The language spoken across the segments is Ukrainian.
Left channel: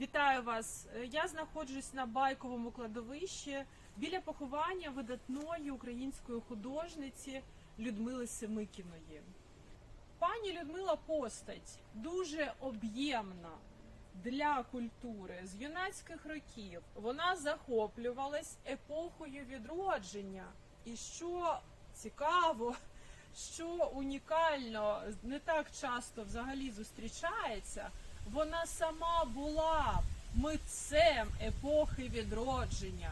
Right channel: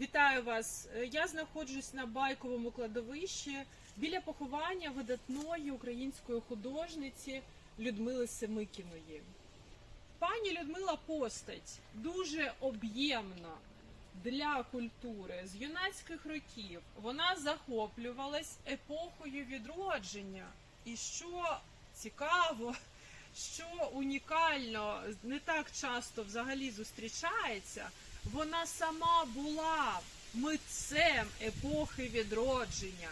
Вітаю вас! Е, Я знаходжусь на байковому кладовищі біля поховання видатної української художниці Людмили Семикіної. Пані Людмила постать дуже об'ємна для культури з юнацьких років. Вона захоплювалась епохою відродження. І що цікаво, що унікально, не так часто взагалі зустрічається, вона сама була митцем епохи відродження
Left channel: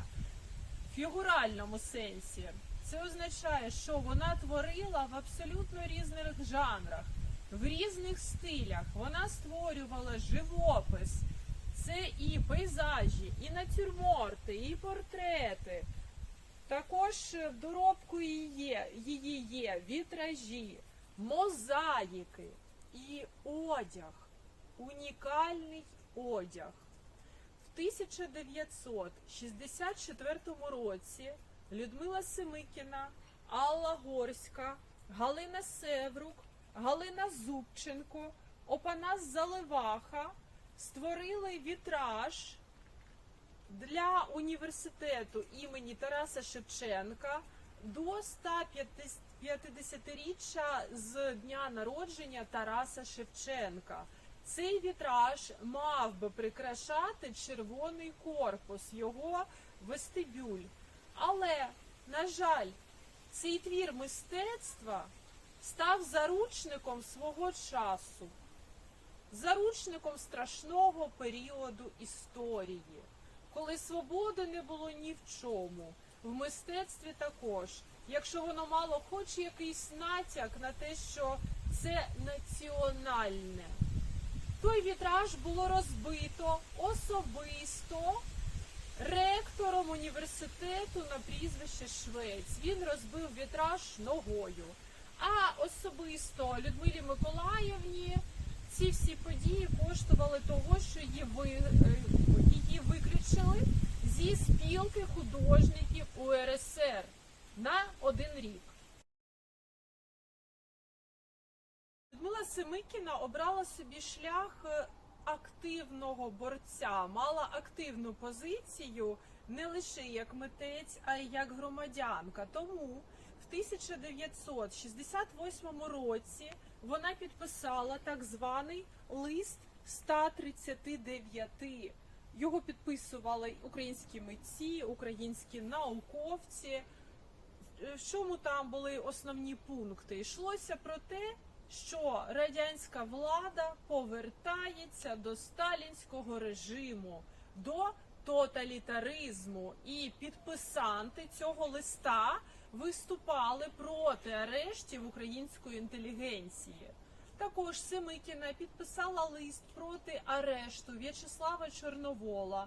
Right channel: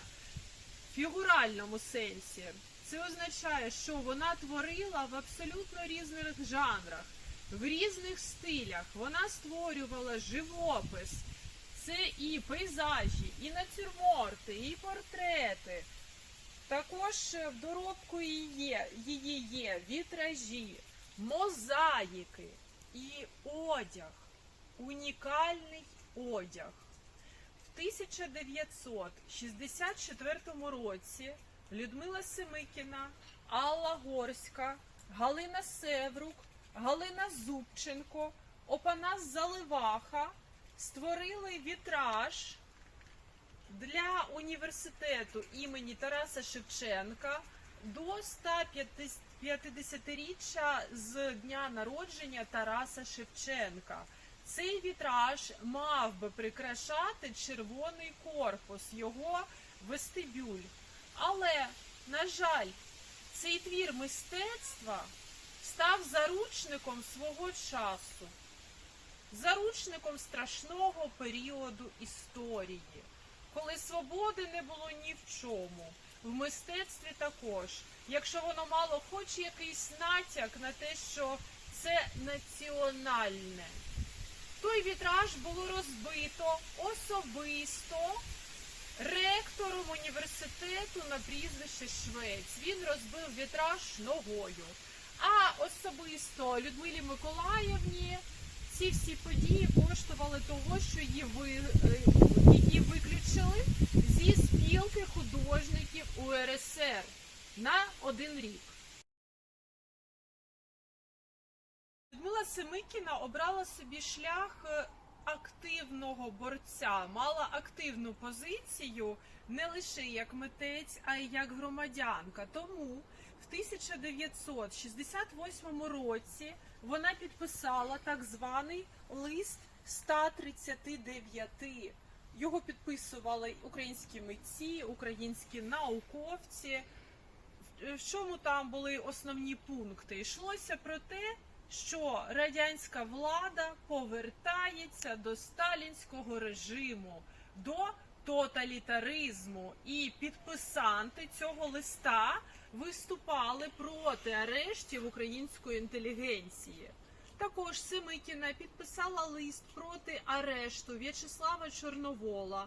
в фігуральному сенсі. Це означає, що вона творила в абсолютно різних жанрах, в різних стилях. Вона створювала живопис. Це і пейзажі, і натюрморти, і портрети. Також в доробку її є, вітражі, мозаїки і одяг, унікальний одяг. В 1964 році Людмила Семикіна, Алла Горська, Галина Севрук, Галина Зубченко, Опанас Заливаха створили вітраж для університету імені Тараса Шевченка до 150-річчя з дня народження Тараса Шевченка. Цей вітраж мав би прикрашати червоний корпус, його вестибюль. Але, на жаль, цей твір мистецтва став заручником свого часу, заручником страшного періоду історії, коли свободи не було ні в чому. В мистецтві також, якщо воно мало хоч якийсь натяк на те, що це національне. Той вітраж було розбито особисто ректором університету на прізвище Швець. Він розбив вітраж ногою. А особисто Людмилі Миколаївні ці всі події коштували того, що її, ви, е, її виключили зі спілки художників УРСР на один рік. Семикіна обрала собі шлях е, активного борця, мала активну позицію не лише як митець, а й як громадянка. Тому в 1968 році вона підписала так званий лист 139. Його підписували українські митці, українські науковці. В чому там були основні пункти? Йшлося про те, що радянська влада повертається до сталінського режиму, до тоталітаризму, і підписанти цього листа виступали проти арештів української інтелігенції. Також Семикіна підписала лист проти арешту В'ячеслава Чорновола.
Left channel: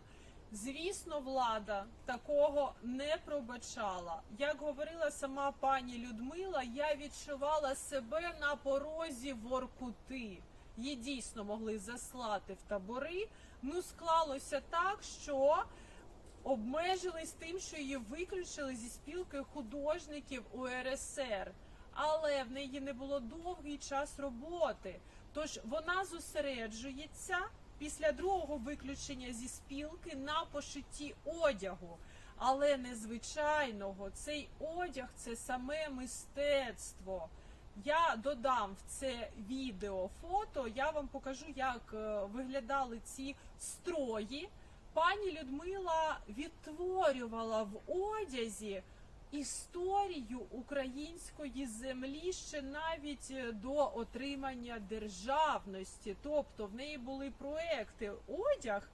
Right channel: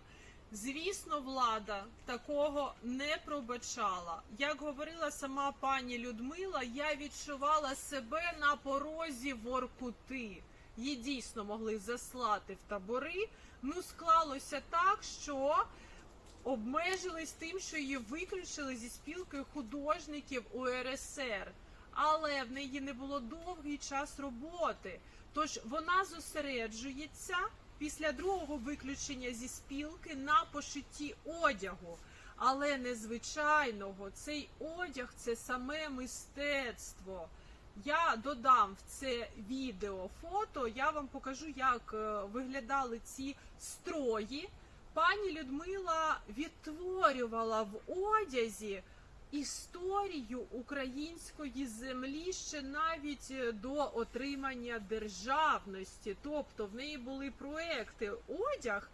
Звісно, влада такого не пробачала. Як говорила сама пані Людмила, я відчувала себе на порозі Воркути. Її дійсно могли заслати в табори. Ну, склалося так, що обмежились тим, що її виключили зі спілки художників УРСР. Але в неї не було довгий час роботи. Тож вона зосереджується після другого виключення зі спілки на пошитті одягу. Але незвичайного цей одяг це саме мистецтво. Я додам в це відео фото. Я вам покажу, як е, виглядали ці строї. Пані Людмила відтворювала в одязі історію української землі ще навіть е, до отримання державності. Тобто в неї були проекти одяг,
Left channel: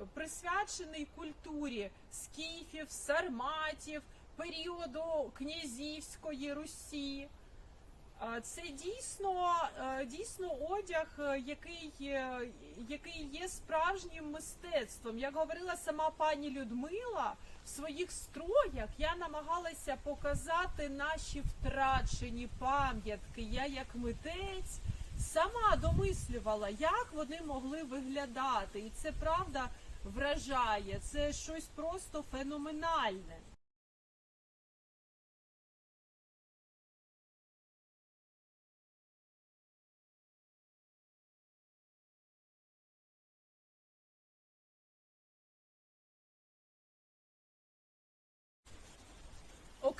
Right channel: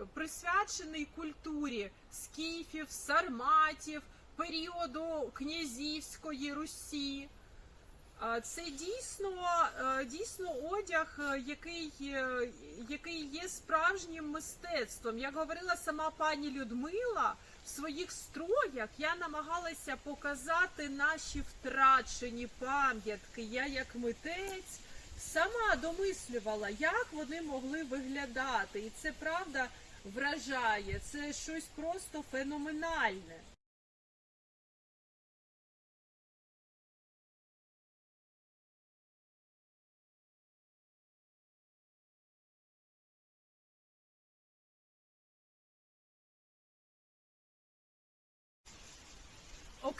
е, присвячений культурі скіфів, сарматів, періоду князівської Русі. Це дійсно, е, дійсно одяг, який, який є справжнім мистецтвом. Як говорила сама пані Людмила, своїх строях я намагалася показати наші втрачені пам'ятки. Я, як митець, сама домислювала, як вони могли виглядати. І це правда вражає. Це щось просто феноменальне.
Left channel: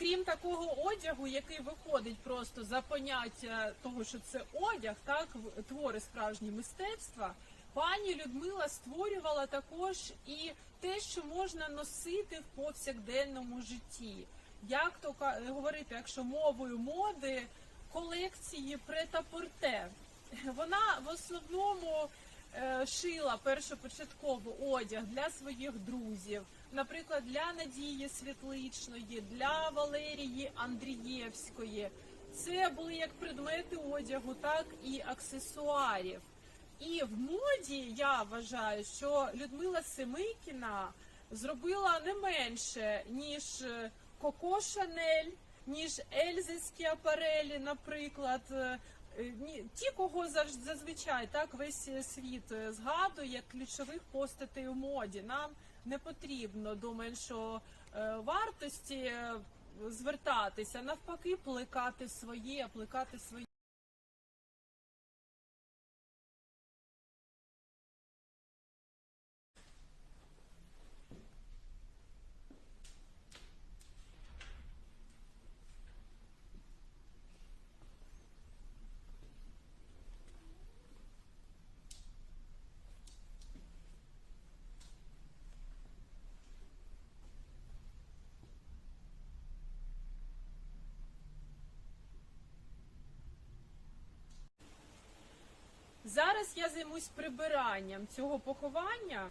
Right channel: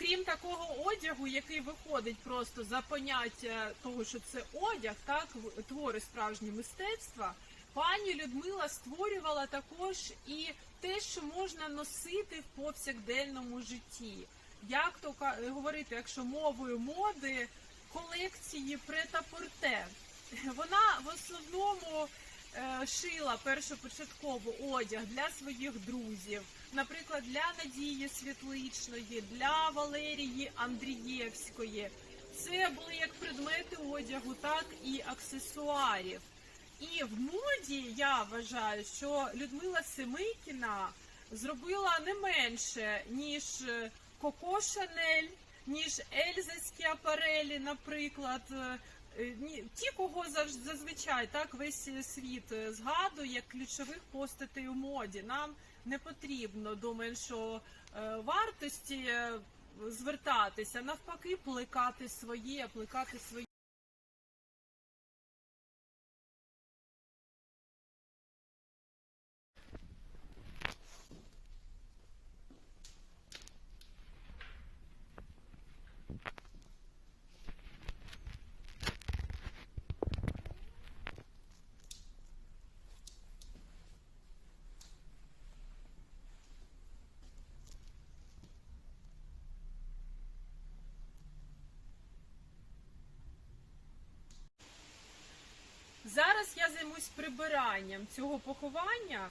Крім такого одягу, який виходить просто за поняття того, що це одяг, так твори справжні мистецтва. Пані Людмила створювала також і те, що можна носити в повсякденному житті. Як то говорити, якщо мовою моди, колекції претапорте. Вона в основному шила першопочатково одяг для своїх друзів, наприклад, для Надії Світличної, для Валерії Андрієвської. Це були як предмети одягу, так і аксесуарів. І в моді я вважаю, що Людмила Семикіна зробила не менше, ніж е, Коко Шанель, ніж Ельзи Скіапарелі, наприклад. Е, е, Ті, кого зазвичай так весь світ е, згадує як ключових постатей у моді. Нам не потрібно до меншого е, вартості е, звертатися, навпаки, плекати своє, плекати своє. Зараз я займусь прибиранням цього поховання.